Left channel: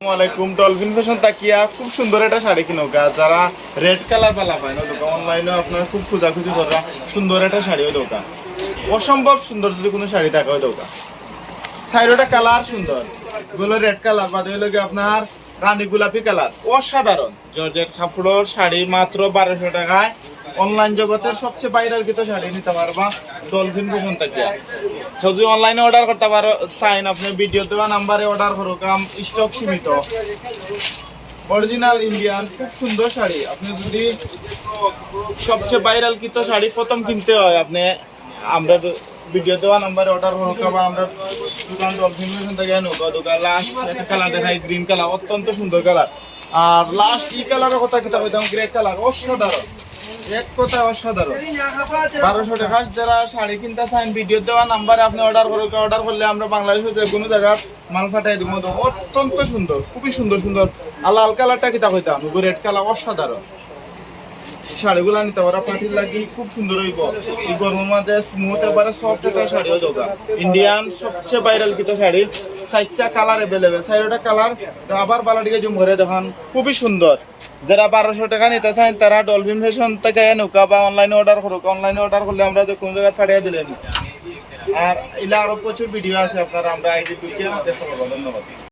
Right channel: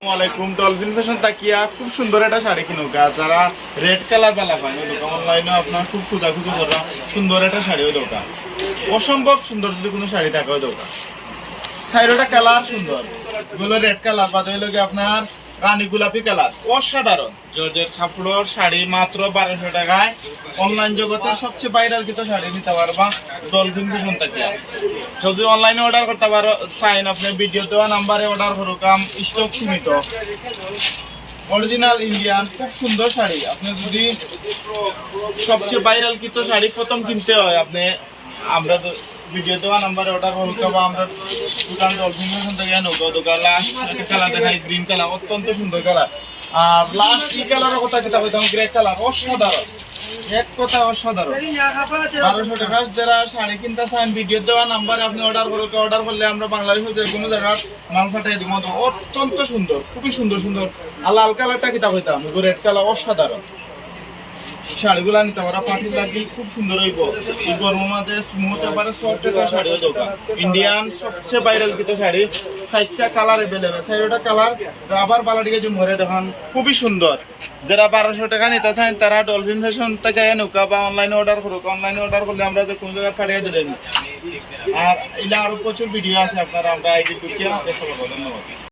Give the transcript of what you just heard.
আসসালামাইকুম dolphin fashion তাকিয়া খুব সুন্দর একটা শাড়ি কিনোকা যারা রেড কালার বা পায় না অনলাইনে আপনার খুব খোঁজাখুঁজি করা সুন্দর একটা শাড়িও দোকান অসম্ভব সুন্দর যদি কোনো শাড়ি থাকে দৌকা দোকান শাড়িটা কালার সুন্দর। এগুলো রেড কালার বাদ হইল কি আপনার রানী গোলাপি কালার। অসাধারণ। জর্জের কাপড়ের শাড়ি মাত্র বারোশো টাকায়। অনলাইন জগতের সবচেয়ে ভাইরাল কিন্তু শাড়ি, নিতে পারবা ডলফিন ফ্যাশন তাকিয়া। যদি অনলাইনে অর্ডার করতে পারো সাইন আপনি ভিডিও দেওয়া নাম্বারে অর্ডার করুক স্টক সীমিত। অরিজিনাল ইন্ডিয়ান খুব সুন্দর শাড়ি। আপনি যদি সবচেয়ে ভাইরাল কিত শাড়ি প্রথম কিনতে হয়, আপনি আমরা তো ভিডিও দেওয়া নাম্বারে অর্ডার করো বা আমরা দোকান ডলফিন থেকে নৌকা দোকান লাস্ট কালার দেখাই গ্রিন কালার অত্যন্ত সুন্দর কালার আর লাস্ট ই কালারের কথা কিতাব গ্রে কালার অসাধারণ। এক কথা অসাধারণ। বারোশো টাকা যারা শাড়ি কিনতে চান ভিডিও দেওয়া নাম্বার আপনি অর্ডার করুক অর্ডার করলে আমরা বাংলাদেশে যে কোনো জায়গায় মাল ফাটাই দিব। অত্যন্ত সুন্দর, খুবই সুন্দর সুন্দর। আর লাল কালারটা কিতা হইতাম রেড কালার অসাধারণ। শাড়িগুলা নিতে পারা পাটির লাগি খুব সুন্দর হইব। এই গরমের মাঝে স্মুথ এবারে সফট একটা শাড়িও দোকান ইন্ডিয়ান সবচেয়ে ভাইরাল কিতো শাড়ি। চারটা কালার অ্যাভেলেবেল চারটা কালার আবার বালাটিকে জুম করে দেখুন। খুবই সুন্দর। যারা বারোশো টাকা নিতে চান, তারা ডলফিন ফ্যাশন থেকে নৌকা বা অনলাইনে অর্ডার করুক। অনলাইনে অর্ডার করলে আমরা যে কোনো জায়গায় পাঠিয়ে দিলেন আর এলা আরও প্রচুর ভিডিও আছে আপনারা আমরা আইডি ধন্যবাদ।